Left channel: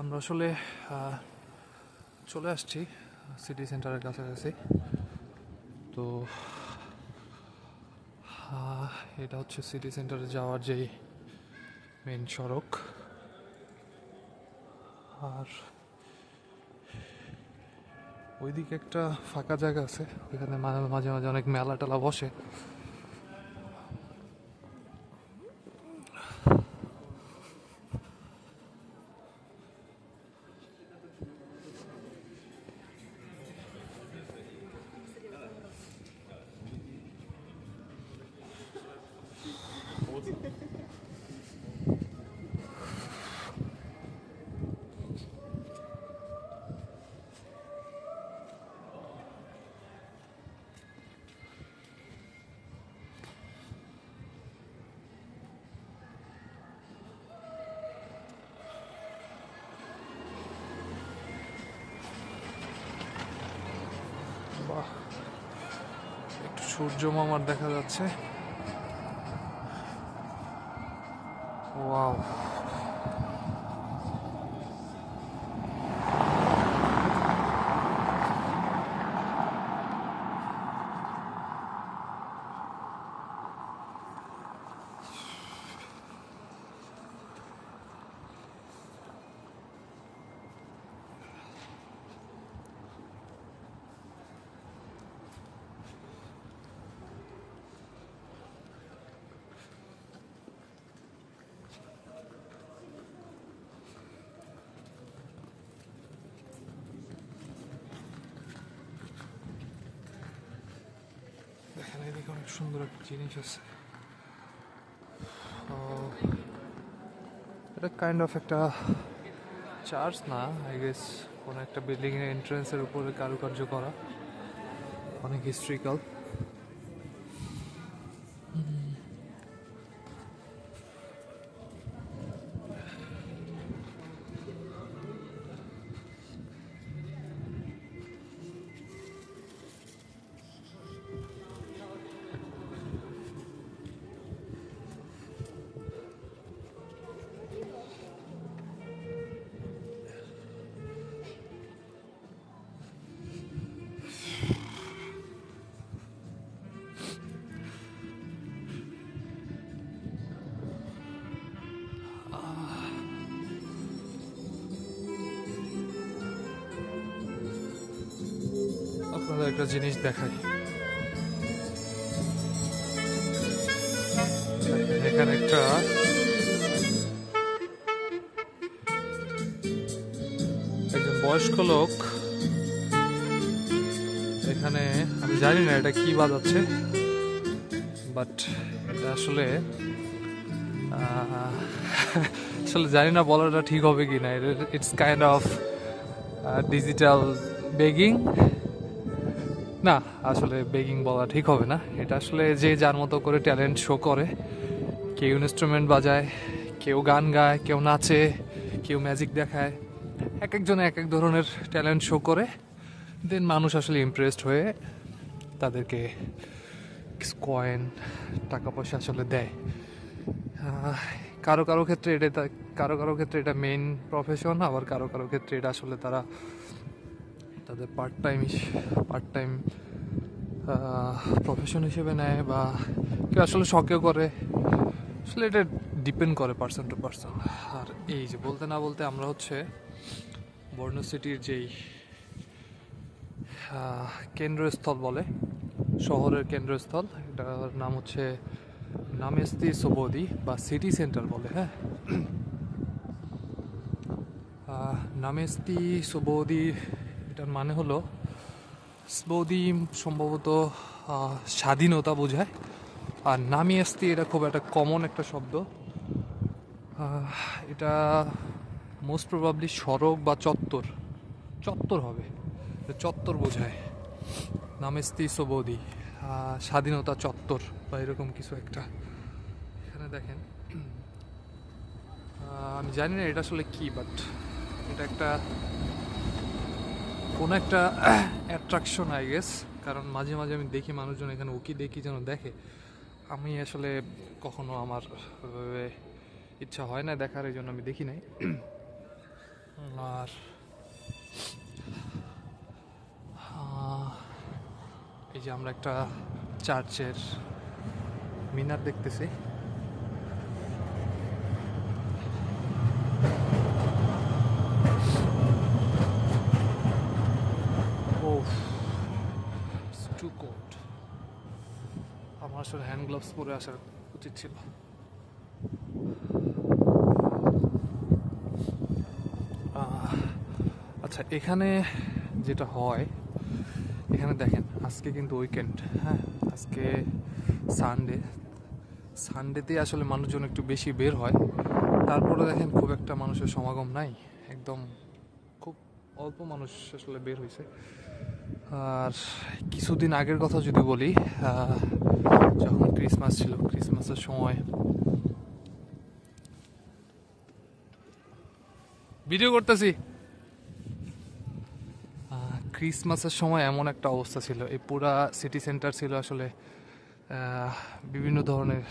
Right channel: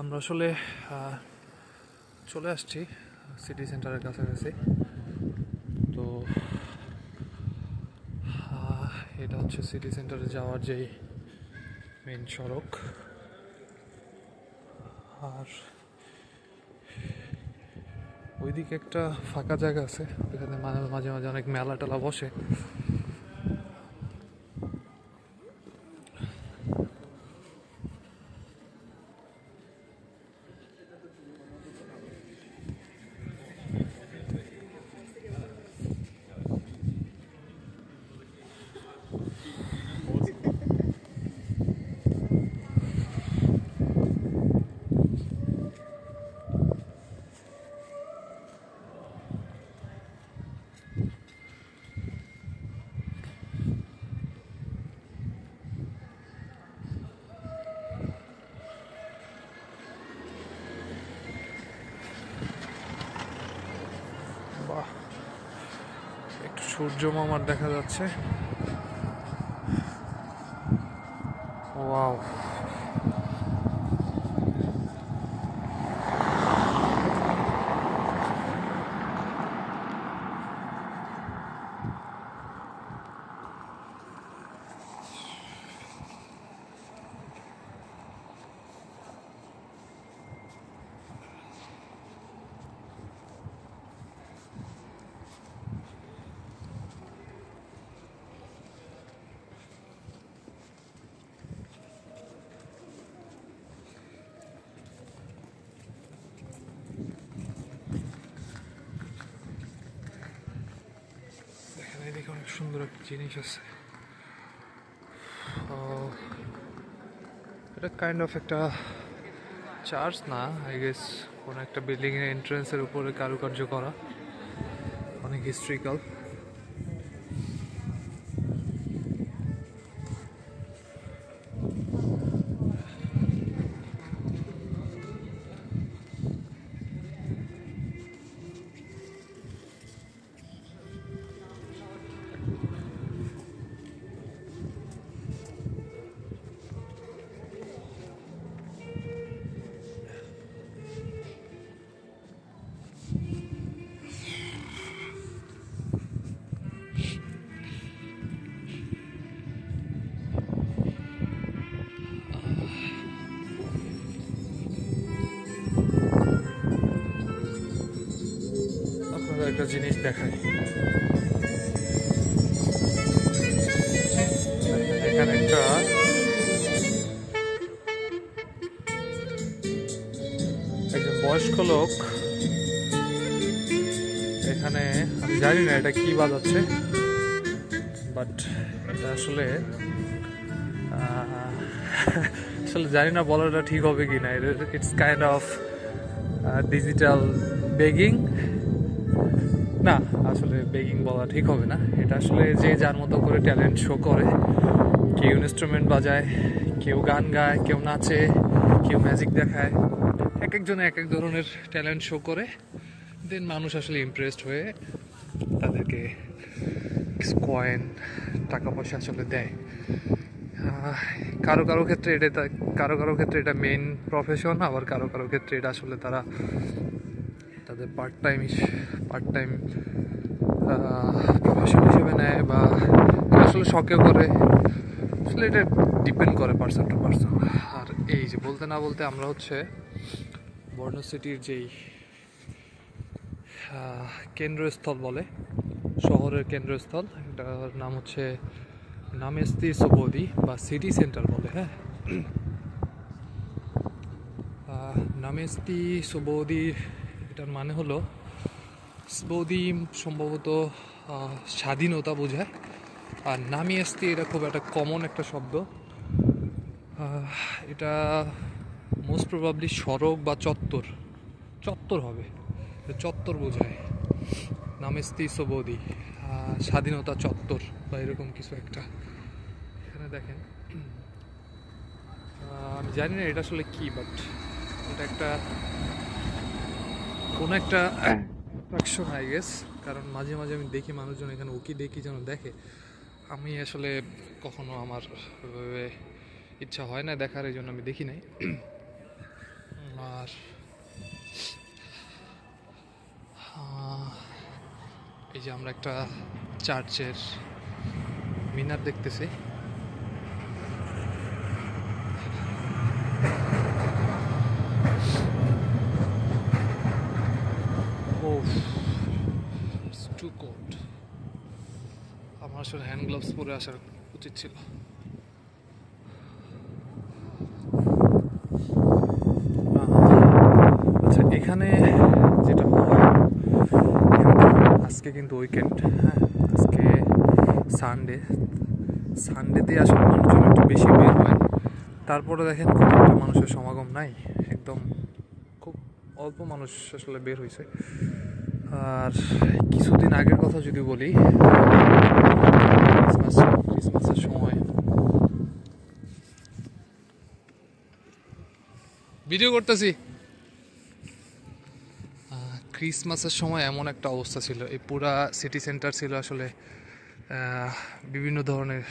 আমরা আসলে চলে আসছি সিটি সেন্টারের কাছাকাছি। তো এটা হচ্ছে সিটি সেন্টারে যাওয়ার যে মেন সড়ক। আর ওইদিকে একটা ফাঁকা জায়গা আছে, ওইখানে মাঝে মাঝে অনেক মেলা টেলা বসে। বাহ, একটু সূর্য মামার দেখা যাচ্ছে। ওয়াও, এদিকে অনেক সুন্দর একটা জিনিস আছে। এটা কাইন্ড অফ একটা চার্চ না, আই গেস কোনো একটা বিল্ডিং এর এন্ট্রান্সের উপরে কারুকার্য করা, অনেক হিস্ট্রিক্যাল। আপনাদের একটা জিনিস দেখাই, এখানে একটা একজন বয়স্ক লোক, এখানে আমি জানি না এটা কি বাজাচ্ছে, বাট এটা আসলে আসলে জানি না বলাটা ঠিক হবে কি না। It's kind of digital begging. না, আসলে বেগিং বলা ঠিক হবে না, এটা আসলে যে যার মতো করে ট্যালেন্ট শো করে। কেউ ইনস্ট্রুমেন্ট বাজায়, কেউ গান গায়, কেউ নাচে, কেউ ম্যাজিক দেখায়। এক একজনে এক এক ধরনের ট্যালেন্ট শো করে, দেন মানুষ আসলে ইমপ্রেসড হয়ে তাদেরকে কয়েন, টাকা পয়সা আসলে দেয়। কারো কারো ক্ষেত্রে ক্ষেত্রে এটা মেইন প্রফেশন, আবার কারো কারো ক্ষেত্রে এটা আসলে তারা তাদের পার্ট টাইম প্রফেশন হিসেবে নেয়, বা আসলে শখে করে। আসলে এটা ডিপেন্ড করে পার্সন টু পার্সন। আর এই যে বলতে না বলতে আমরা হচ্ছে বর্ণ সিটির যেই কেন্দ্রস্থল বলে, শহরের কেন্দ্রস্থল, এটার নাম হচ্ছে নামেস্তি সোবোদি বা সিটি সেন্টার বলে। হ্যাঁ, নামেস্তি সোবোদি, এটার মানে হলো সোবোদি সম্ভবত স্বাধীনতা বোঝায়। আর নামেস্তি এটা খুব একটা কমন একটা শব্দ। এটা মোস্ট প্রবাবলি সড়ক বা চত্বর হবে, চত্বর বোঝায়। নামেস্তি সোবোদি, স্বাধীনতা চত্বর বা এরকম কিছু একটা। এখানে দেখেন, আমি জানি না এটা আসলে কি, বাট এটা একটা কোনো একটা অ্যাট্রাকশন আই গেস। কারণ মাঝে মাঝে আমি দেখি মানুষজন এখানে উকি দেখি যেন দেখে। আমি আসলে কখনো আমার ইচ্ছা হয় না দেখার, এই জন্য আমি দেখি নাই। আর এই যে আমরা একটা চার্চের মিনার দেখতেছি। টু কোল্ড, আমার আসলে হ্যান্ড গ্লাভস পরে আসার উচিত ছিল। আচ্ছা, এখানে যেটা হয়, আজকে কিন্তু উইকেন্ড, হ্যাঁ আজকে সানডেতে আসলে মানুষজন একটু বেশি বের হয়। তারপরে দেখেন খুব একটা মানুষের সমাগম নাই, একদম খুব অল্প মানুষ আসলে বের হয়েছে। আর কিছুদিন আগের কথা যদি বলি, ক্রিসমাসের সময় ভিডিও করতেছি, ক্রিসমাসের সময় এমন একটা অবস্থা ছিল, এই পুরা সিটি সেন্টার ছিল আসলে বিভিন্ন ধরনের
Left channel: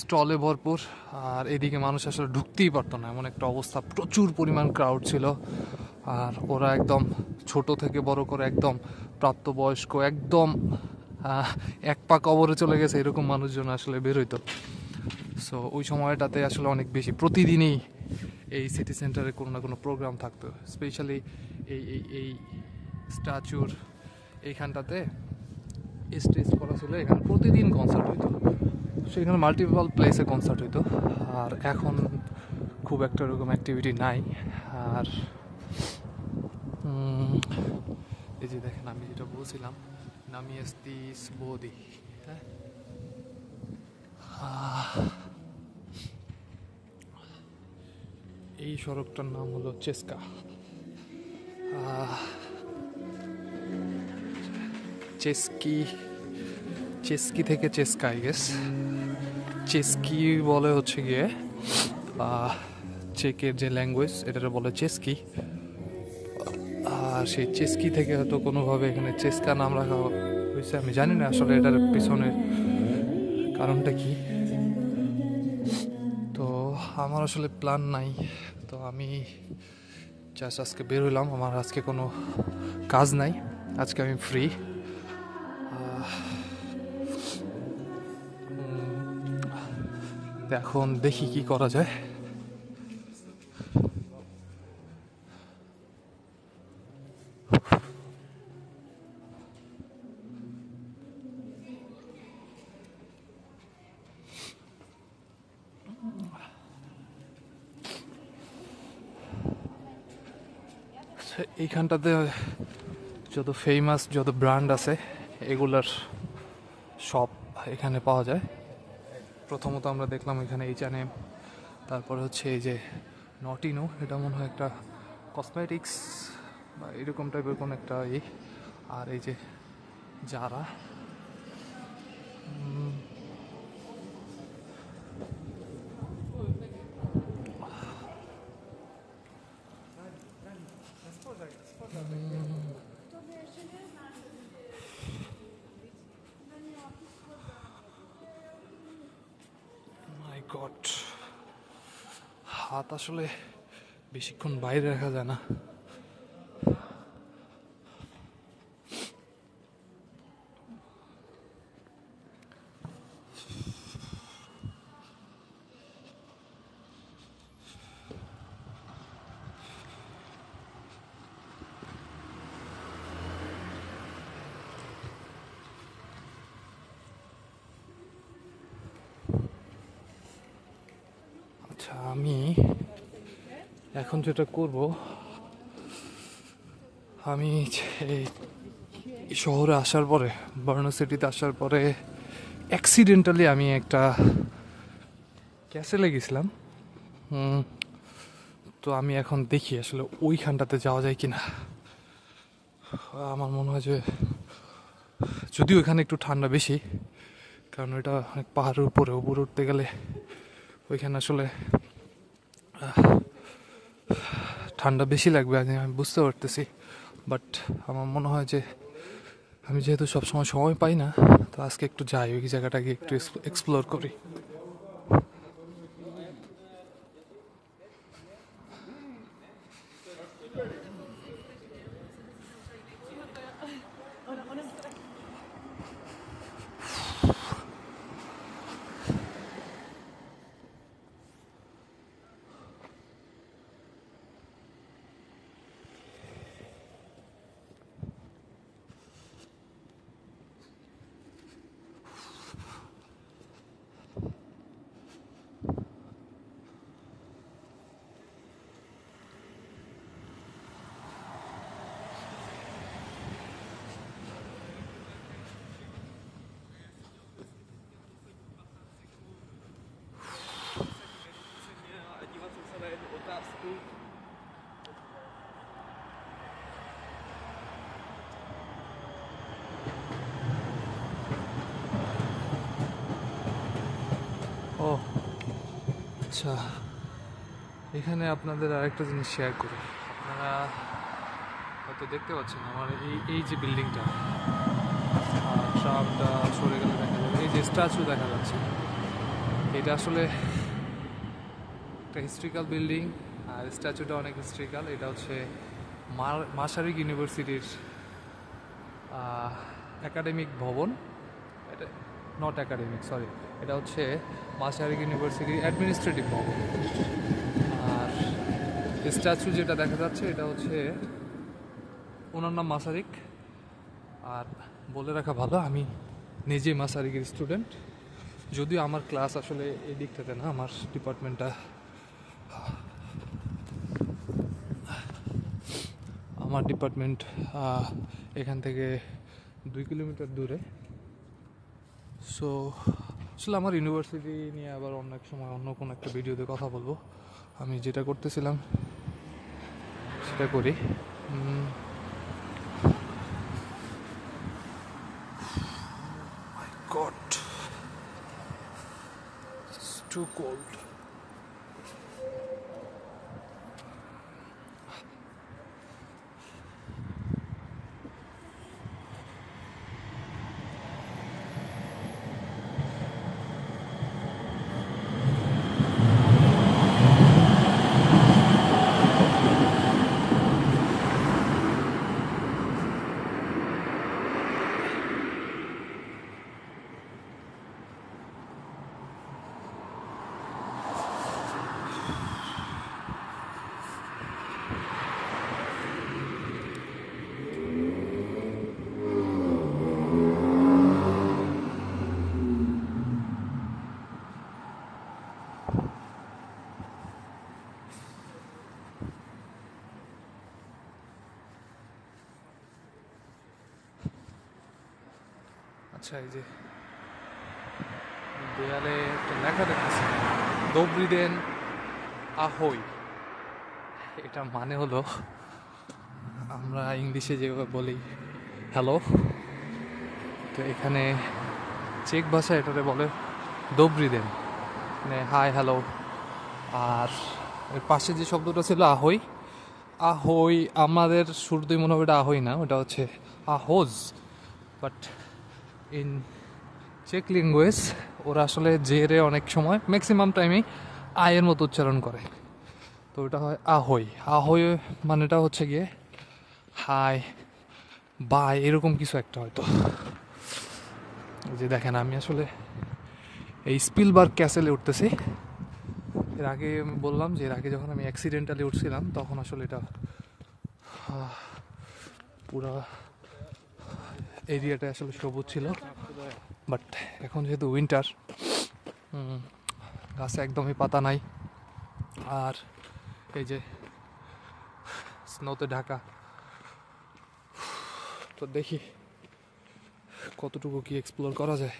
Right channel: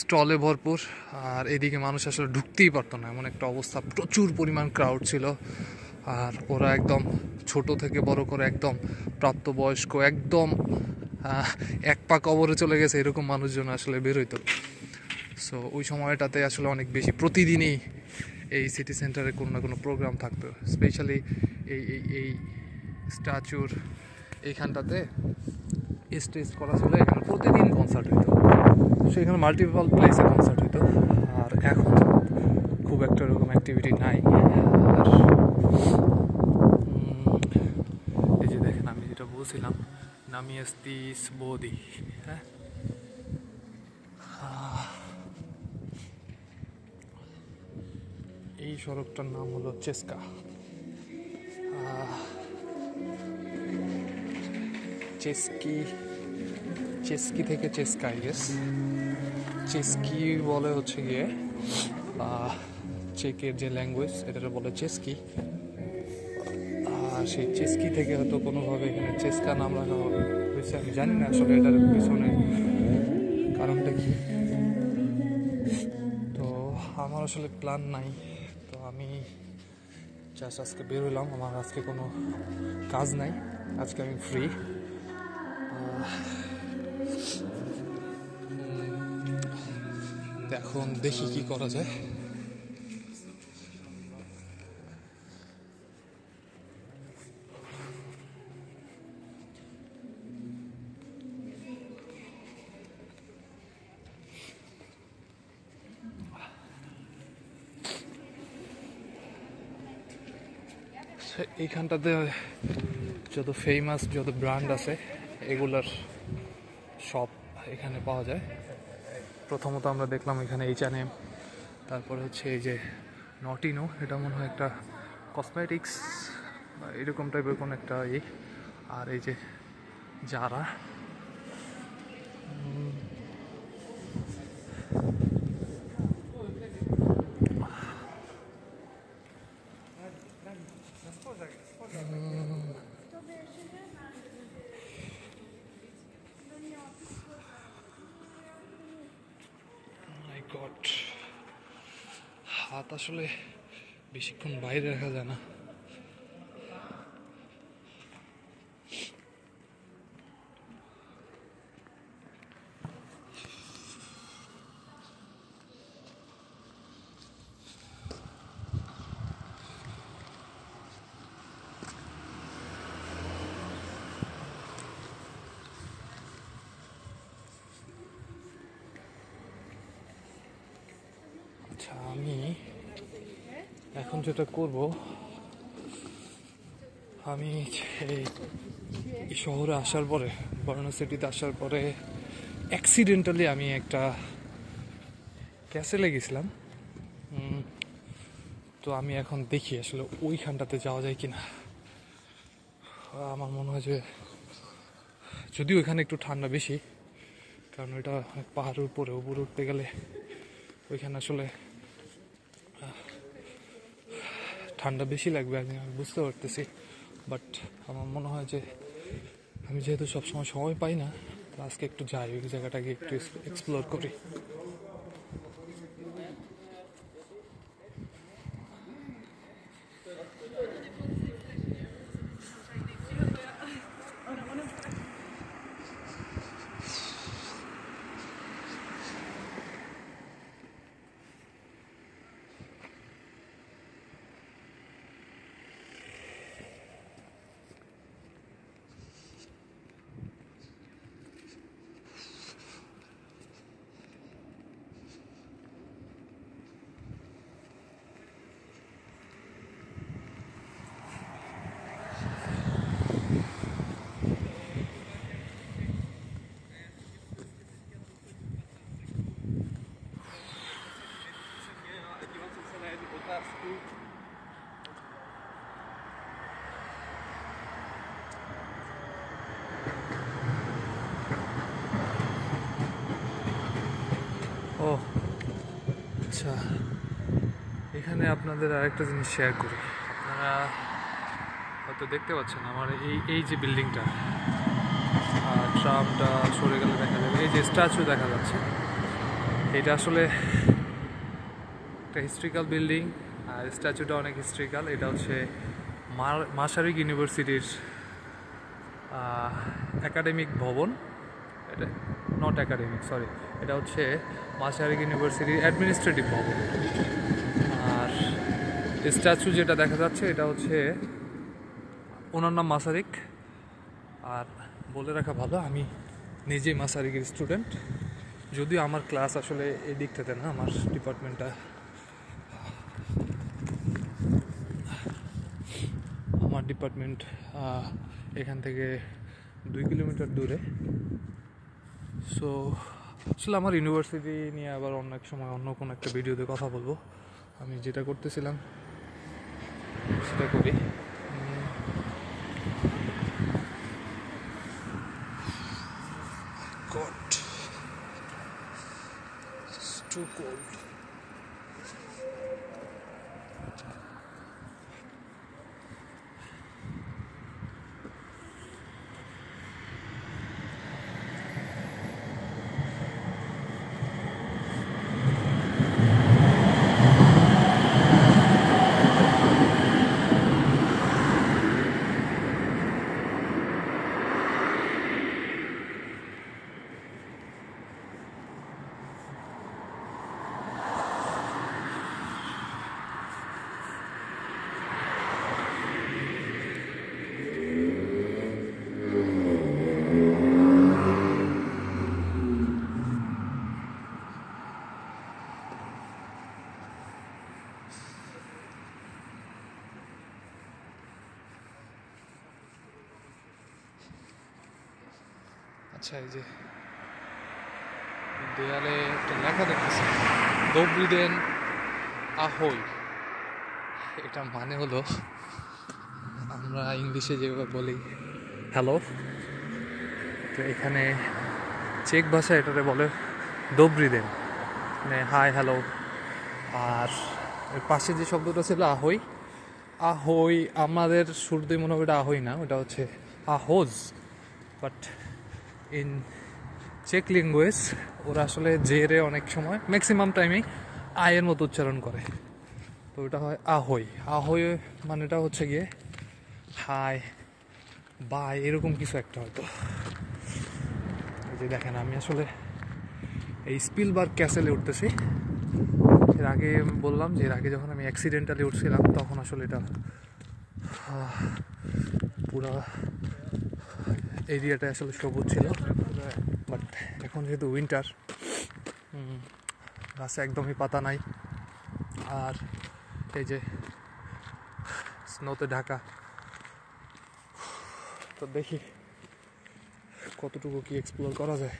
স্টলে ভরপুর। আর এদিকে মানুষ আসলে ঢুকতেই পারতো না, এমন একটা অবস্থা, প্রচুর পরিমাণ ক্রাউড ছিল। আর ওরা একদম ছোট থেকে বড় করে একদম প্রাপ্তবয়স্ক, একদম এক পা কবরে চলে গেছে এরকম মানুষজন আসলে বের হইতো। সো ওই সময়টাতে আসলে অনেক বেশি, প্রতিদিনই এই সিটি সেন্টারে কোনো না কোনো প্রোগ্রাম থাকতো। স্পেশালি এই এই এই স্ট্যাচুর এইখানটাতে স্টেজ করা ছিল, এখানে প্রতিদিন কনসার্ট হতো। সেখানে মাল্টিপল প্লেসে কনসার্ট হতো। আর এখন খুব একটা এরকম অ্যাক্টিভিটি নাই। আর এই যে দেখেন, আমি যেটা বলছিলাম, নামিয়াস্তিস বোদি, হ্যাঁ এই সড়কটার নাম হলো চেস্কা। চেস্কি থেকে চেস্কা, আই গেস চেস্কি বলে হচ্ছে গিয়ে চেকের যে ল্যাঙ্গুয়েজ, এটাকে বলে চেস্কি। আর সেই চেস্কি থেকে হয়তো কোনোভাবে এখানে চেস্কা নাম রাখা হয়েছে, আমি জানি না আসলে এটার পিছনে কারণটা কি। তো আমার আসলে প্ল্যান নাই, তো আমি জাস্ট আজকে বের হইলাম, আমার আজকে কোনো কাজ নাই, আজকে আমি ফ্রি। এখন দেখি কি করা যায়। এইখানটাতে যত ফেমাস যত ব্র্যান্ড আছে এগুলার সব এখানে পাওয়া যায়। প্রথমত আমরা দেখলাম এখানে H&M, তারপরে হচ্ছে এই যে নটিনো, এটা মনে হয় একটা কসমেটিক্স বা এরকম টাইপের কোনো একটা আর এই যে জারা, মাই গড, হাত আসলে বেশিক্ষণ বাইরে রাখা যায় না। আচ্ছা, আমি এখন যেটা করব, আমি এই শহরে আসার পরে, বার্নো সিটিতে আসার পরে অ্যাক্সিডেন্টালি আমি একটা ক্যাসেলে গেছিলাম। তো আমি এখন দেখি আসলে ওইখানটাতে যাওয়া যায় কিনা। আমার মনে হয় যে, যদিও ওইখানে একটু ঠান্ডা বেশি, কারণ এটা অনেক পাহাড়ের উপরে উঠতে গেলে ওইখানে আসলে ঠান্ডা বেশি লাগবে, আমি বুঝতে পারতেছি। বাট আমার মনে হয় যে আমি যেহেতু সবসময় সময় পাই না, তো আজকে একটু যাই ওই জায়গাটাকে একটু এক্সপ্লোর করি। আচ্ছা, এখানে আপনাদের আরেকটা জিনিস শেয়ার করি। আপনারা হয়তো দেখতে পাচ্ছেন আমার এই যে বিল্ডিংটা, ট্রামটা সরে গেলে দেখা যাবে এই যে স্ট্যাচু দেখা যাচ্ছে, এটা আসলে একটা হিস্ট্রিক্যাল বিল্ডিং। আর স্ট্যাচুটা অনেক হিস্ট্রিক্যাল। এটা হচ্ছে মাসারিক ইউনিভার্সিটির একাডেমিক ভবন। এটা নট একাডেমিক, সরি, এটা হচ্ছে মাসারিক ইউনিভার্সিটির অ্যাডমিনিস্ট্রেটিভ ভবন। আর স্ট্যাচু যেটা দেখা যাচ্ছে এটা হচ্ছে ওনার নাম মাসারিক। আর বলে রাখা ভালো, আমি নিজেই মাসারিকের স্টুডেন্ট, যদিও আমার ক্লাস আসলে এই দিকটাতে না, আমার ডিপার্টমেন্টটা এখান থেকে 2 কিলোমিটার দূরে। সো আসলে আমার ইউনিভার্সিটি নিয়ে আবার অন্য এক সময় অন্য কোনো একটা ভিডিওতে কথা বলবো। আমি যেটা করতেছিলাম সেটা করি। God, it's too cold. আচ্ছা, এই যে দেয়ালে একটা লেখা দেখতেছি, দোবরিদেন আহই। এটা মানে হলো, আমরা ইংলিশে যেভাবে বলি হ্যালো, তো এখানে চেক ভাষায় এটাতে বলে দোবরিদেন, মানে হাই হ্যালো। আর এর পাশে যে শব্দটা ছিল আহই, আহই আমাদের শুরুতেই মনে হবে এটা আহই না, ওটা হচ্ছে আহোজ। বাট ইন চেক ল্যাঙ্গুয়েজ ওরা আসলে জেরে অনেক সময় ম্যাক্সিমাম টাইমে আয়ের মতো উচ্চারণ করে, তো ওটা হয় আহই। আহই মানেটা হচ্ছে গিয়ে হাই, বাই, এরকম কিছু একটা হয়তো। এই যে দেখেন, আমি আসলে এই স্পিলবার্গ ক্যাসেলে উঠতেছি। এর আগে বললাম যে এর আগে যখন আমি অ্যাক্সিডেন্টালি উঠছিলাম তখন আসলে এটা পুরা এরিয়াটা আসলে সবুজ ছিল। বাট এখন যেহেতু উইন্টার, গাছে একদমই পাতা নাই, আর এই যে স্নোতে ঢাকা। তো দেখি কতটুকু কি এক্সপ্লোর করা যায়।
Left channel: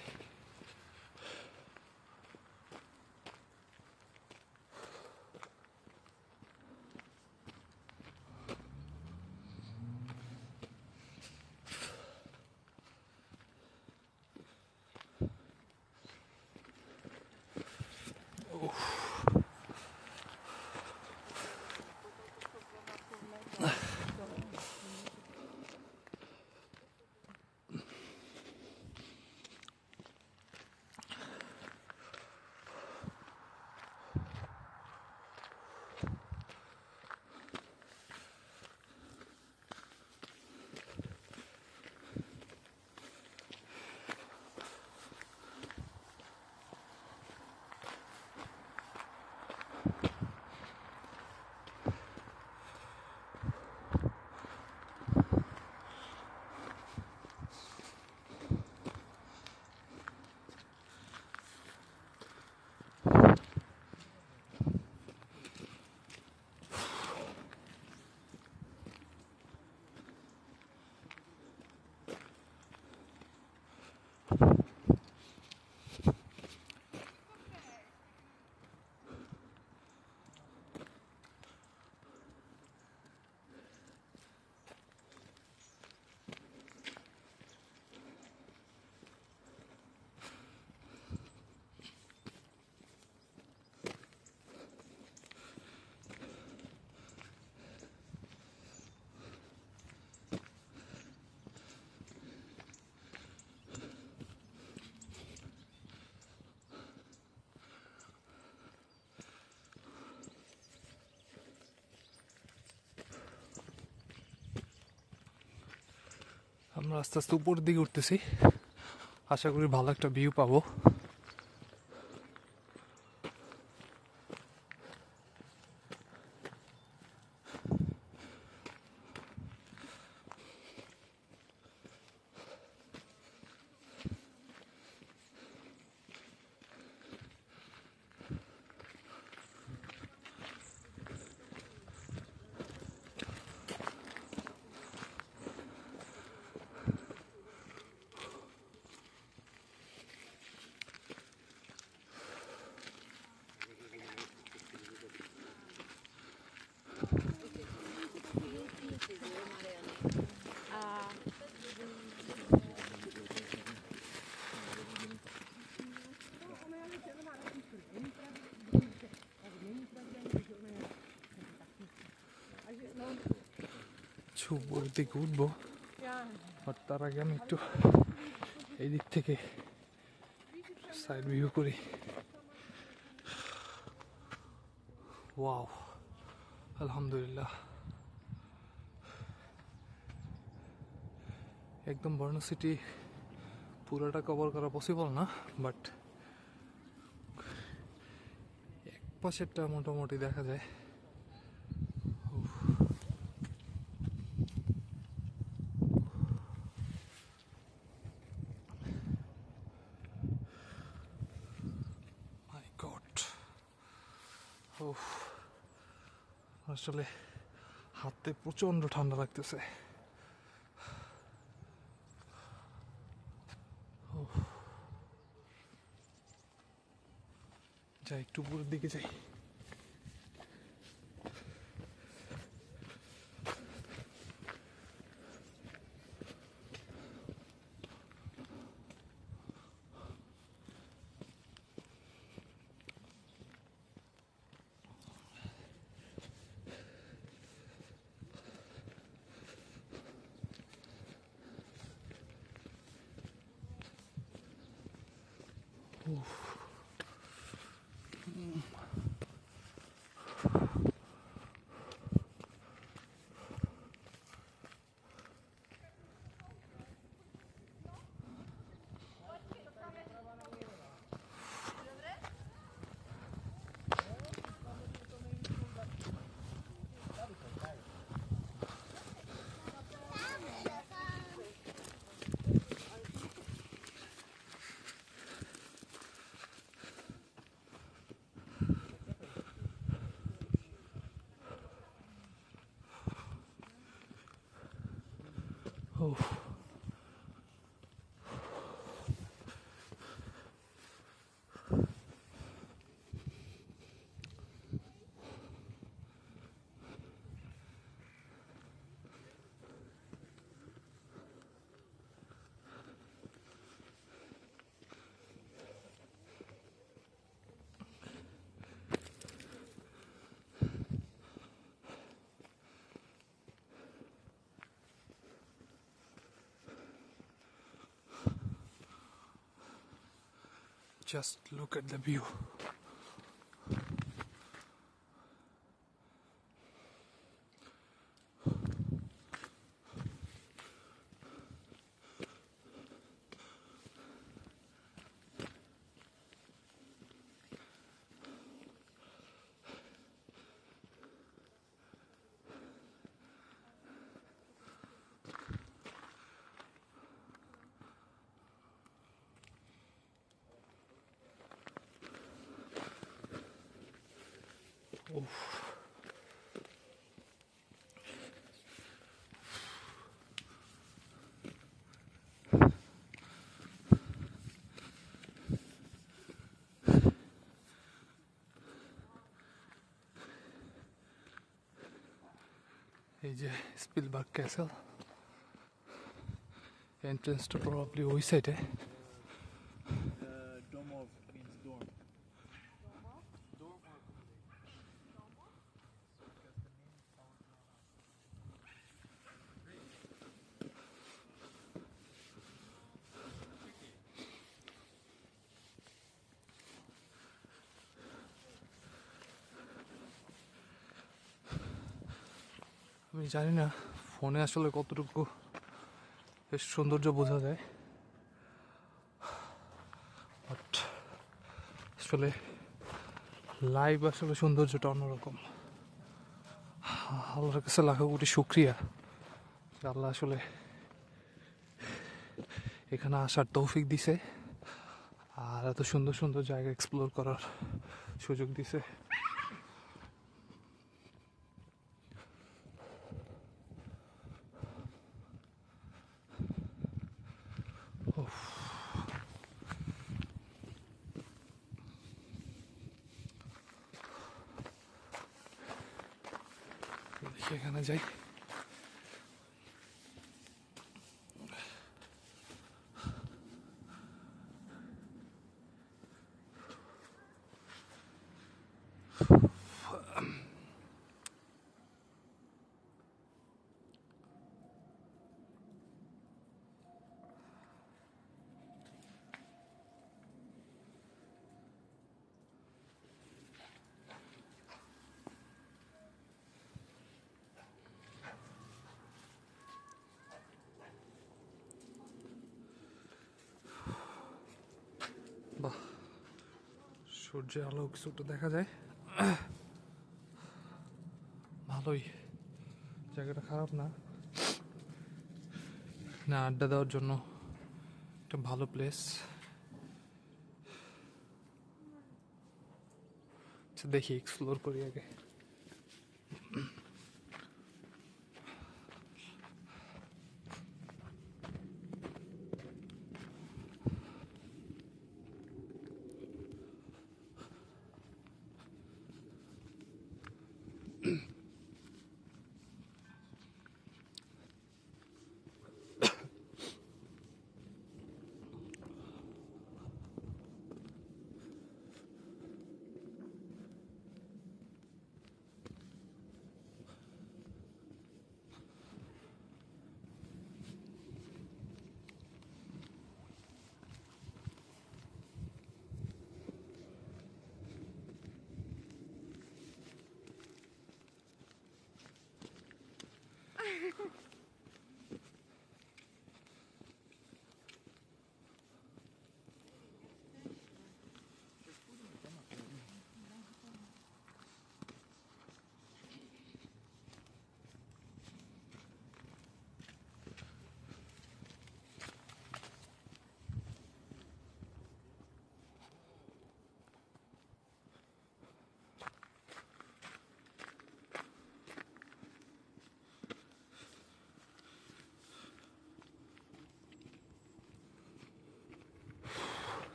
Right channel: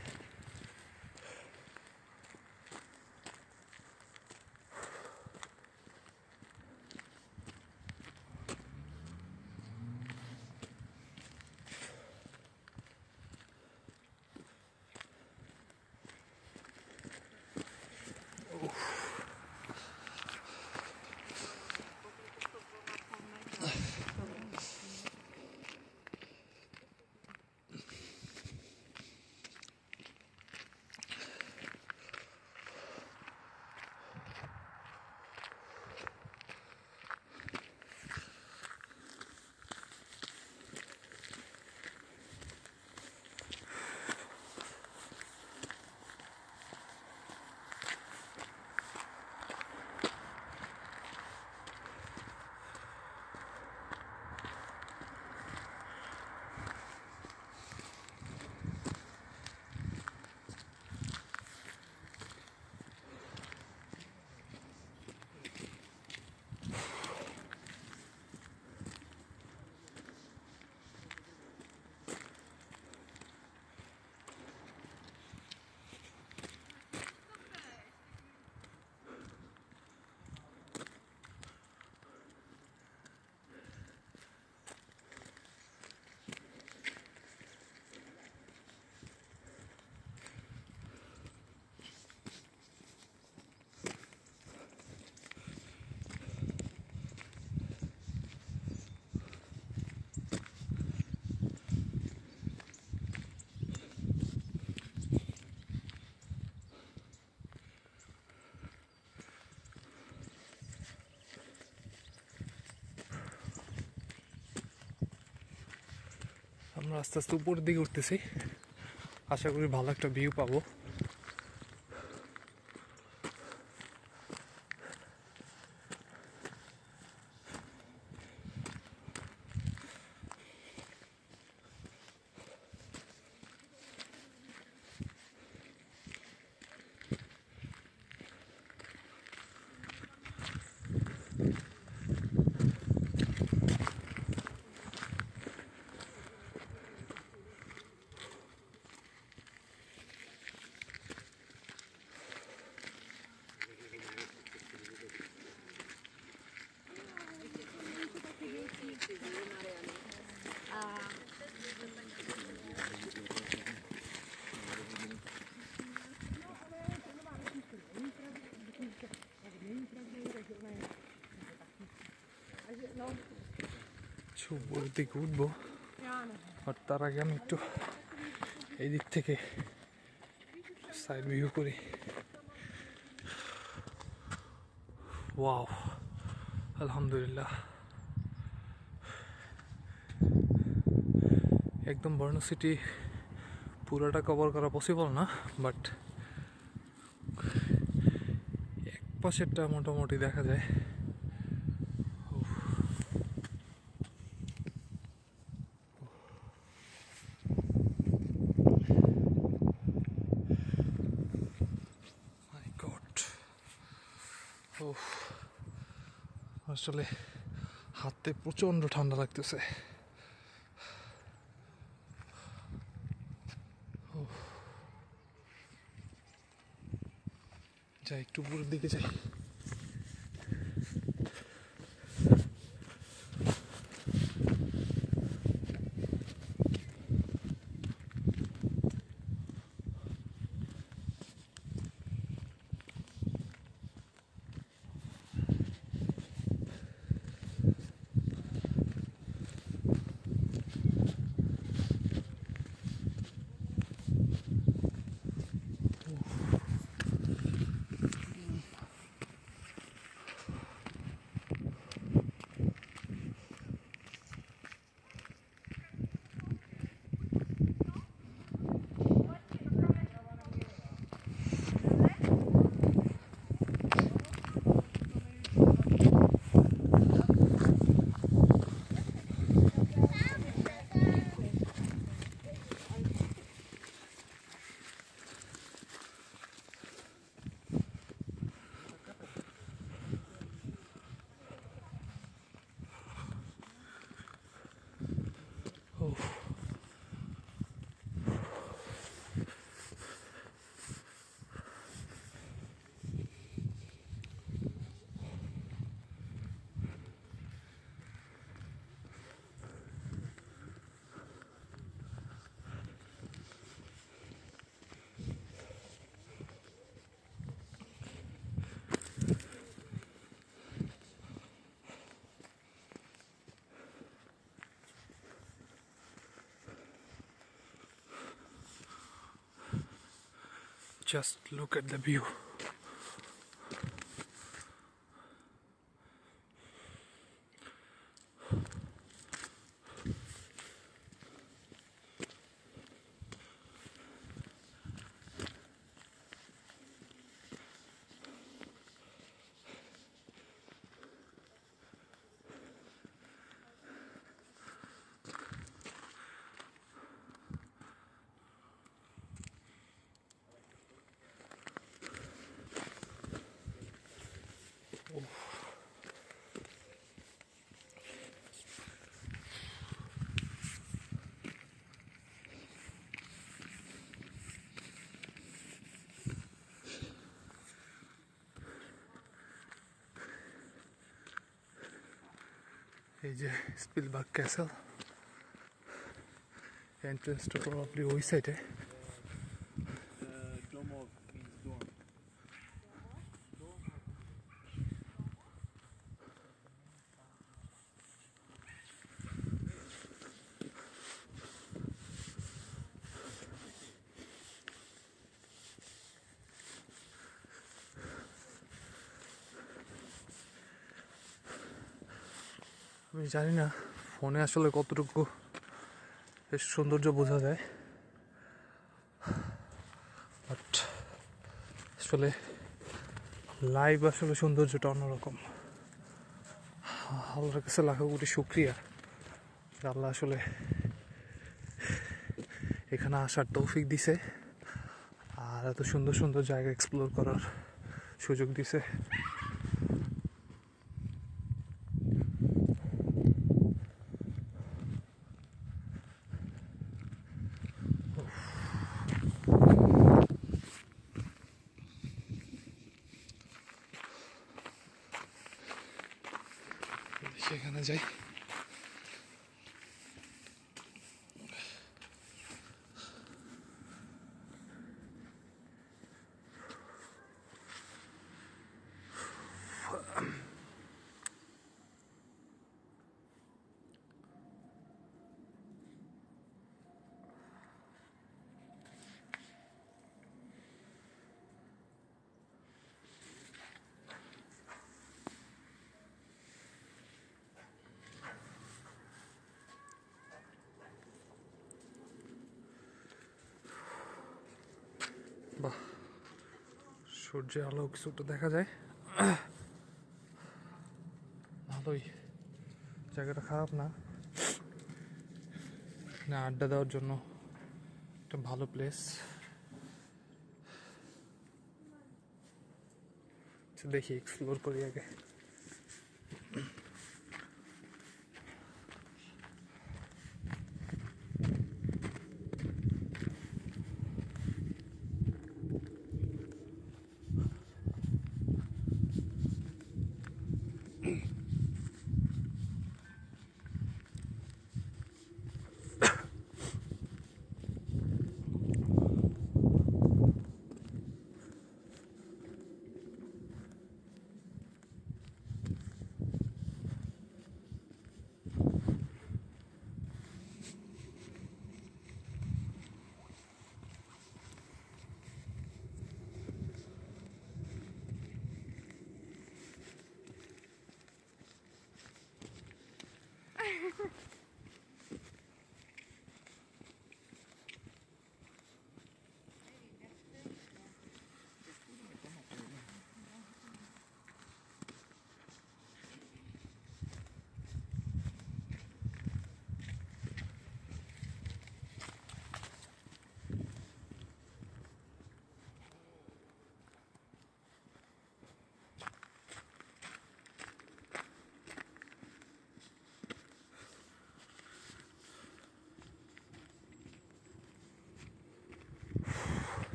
আমরা আস্তে আস্তে উপরের দিকে উঠতেছি, আশা করি ভালো একটা ভিউ পাবো। উপরের দিকে উঠবো, আর তার আগে আমি একটু এই দিক থেকে সাইড ভিউ করি। ওয়াও, আলহামদুলিল্লাহ। একদম বর্নো সিটি পুরোটা কভার করা পসিবল না, বাট এক পাশেরটা মোটামুটি দেখা যায়। আসলে হাতে প্রচন্ড ঠান্ডা লাগতেছে। যাই একটু উপরের দিকে যাই। Just look at the view. এই যে স্পিলবার্গ ক্যাসেল, এন্ট্রান্সটা প্রবাবলি ওই সাইডে। আমি জানি না ফোনে আসলে কতটুকু বেশ সৌন্দর্য বোঝা যায়। বাট আসলে লাইভ আসলে সৌন্দর্যটা অন্যরকম। আল্লাহর কাছে লাখো কোটি শুক্রিয়া, আল্লাহ আসলে এখানে আসার তৌফিক দিছে আর এত সুন্দর সুন্দর জায়গা এক্সপ্লোর করার সুযোগ দিছে। সেখানে যাই। বাহ, সূর্যের আলো কিছুটা দেখা যায়, ভালোই। জায়গাটা খারাপ না, না আড্ডা দেওয়ার জন্য একটা ভালো প্লেস। দেখি এক্সপ্লোর করি আগে।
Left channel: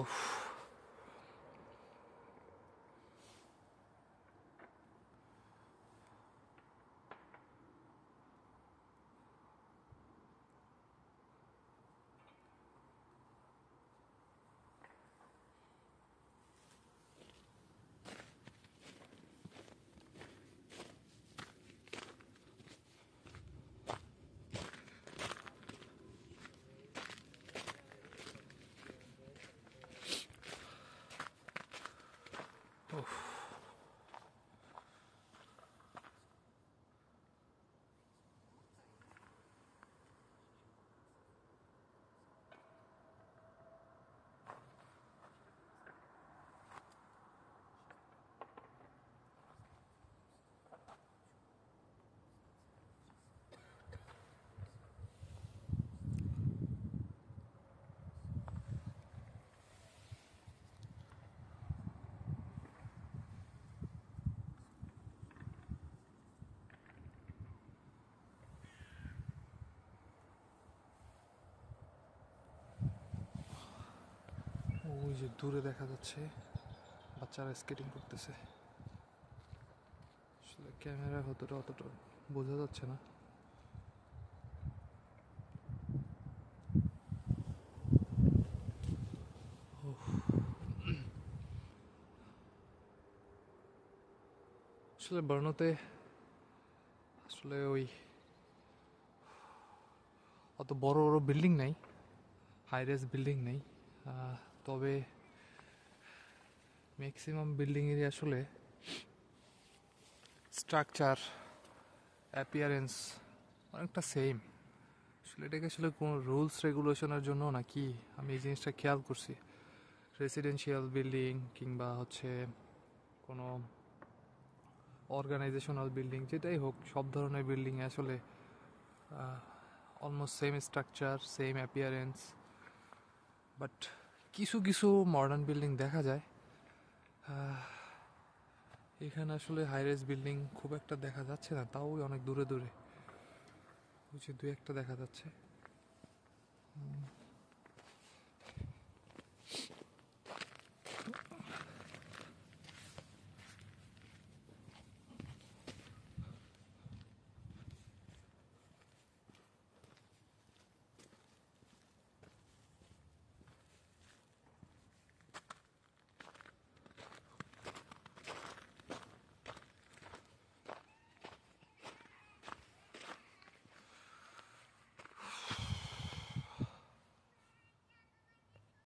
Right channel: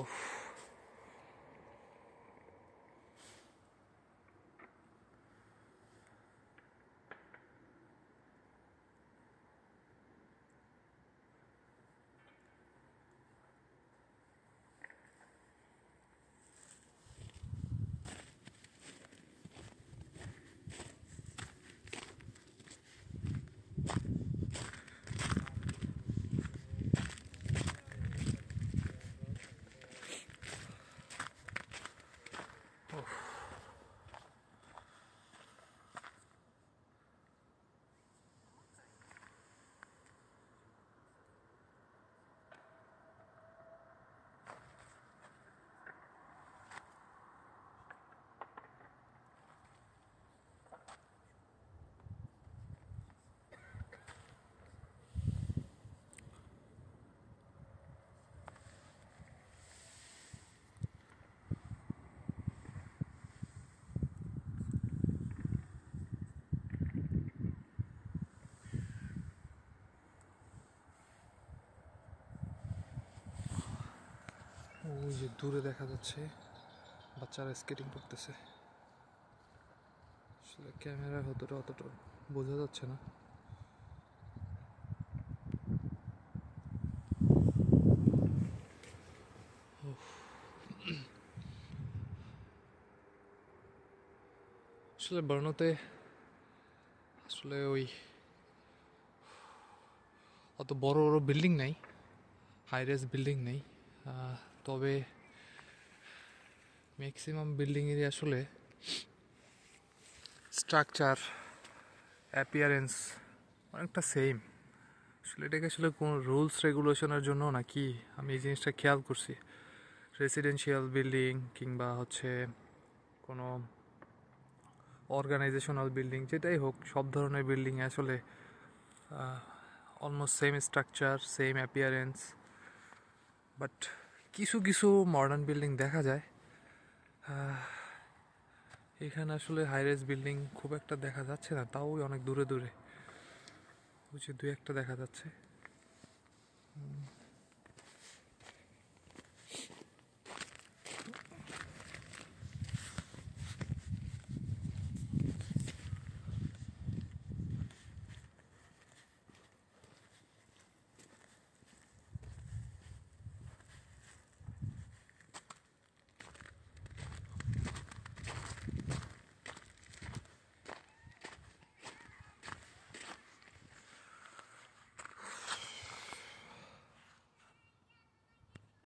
উফ, ওই যে দূরে দেখা যাচ্ছে বাচ্চারা স্কেটিং করতেছে। আসলে ক্যামেরা হতটা অতটা বোঝা যাচ্ছে না। আসলে বর্নোতে আসলে ওই অত বড় বড় বিল্ডিং নাই, হাই রেজ বিল্ডিং নেই। তবে ম্যাক্সিমাম বিল্ডিংয়েরই আসলে স্ট্রাকচার, অ্যাপিয়ারেন্স অনেকটা সেম। আসলে এটাকে আসলে কোনো রুলস রেগুলেশনের জন্য নাকি আমি এই জিনিসটা খেয়াল করছি। রেসিডেন্সিয়াল বিল্ডিং কিংবা হচ্ছে কোনো অর্গানাইজেশনাল বিল্ডিং, যেটাই হোক, সব ধরনের বিল্ডিংয়ে আসলে almost same structure, same appearance. But কিছু কিছু মডার্ন বিল্ডিং দেখা যায়, এখানে আসলে হাইরাইজ বিল্ডিং খুব একটা দেখা যাচ্ছে না, তাও অনেক দূরে দূরে বুঝি দুই একটা দেখা যাচ্ছে।